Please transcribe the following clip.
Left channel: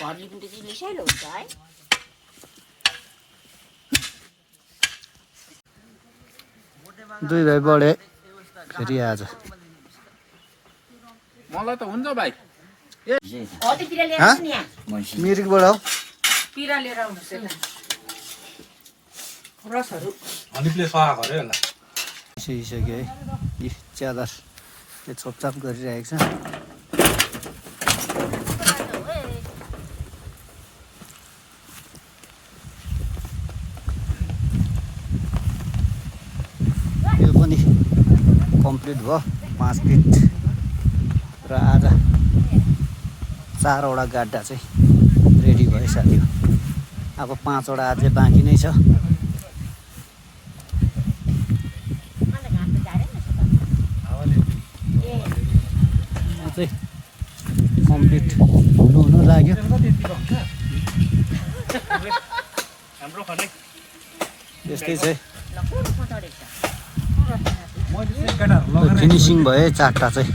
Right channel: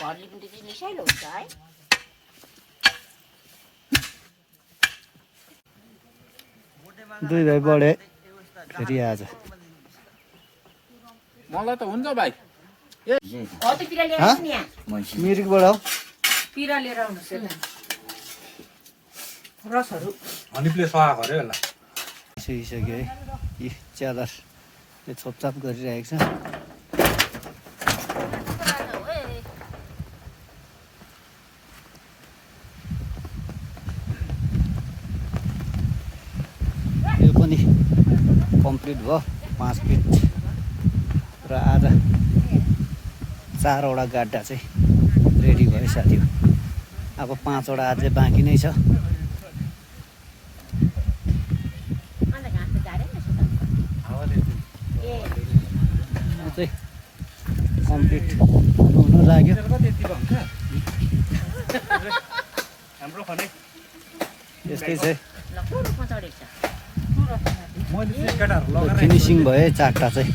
भर्ली पनि चाहिँ मिसाइलो हुन्छ है। दुई भाइ बढे फेरि आज मलाई त हुन्छ भाइ। हौतिर लिएर आउनु नि यहाँ। मिरिकबाट हौ पिरा लिएर आउनुहोस् यता। रसहरू अनि प्ले सहा गरे होला। सिसक्यो है यी च्यादर यो छोपछाप गरिरहेको छ। यो पनि कम्प्लिट भयो 5 फिट र आज 4वटा गाड्डा चाहिँ रेडी भयो साथीहरू। अब 5वटा अझै बाँकी नै छ। चाहिँ कम्प्लिट हुनु लाग्यो। यस्तै चाहिँ फिनिसिङ भयो 4टा चाहिँ।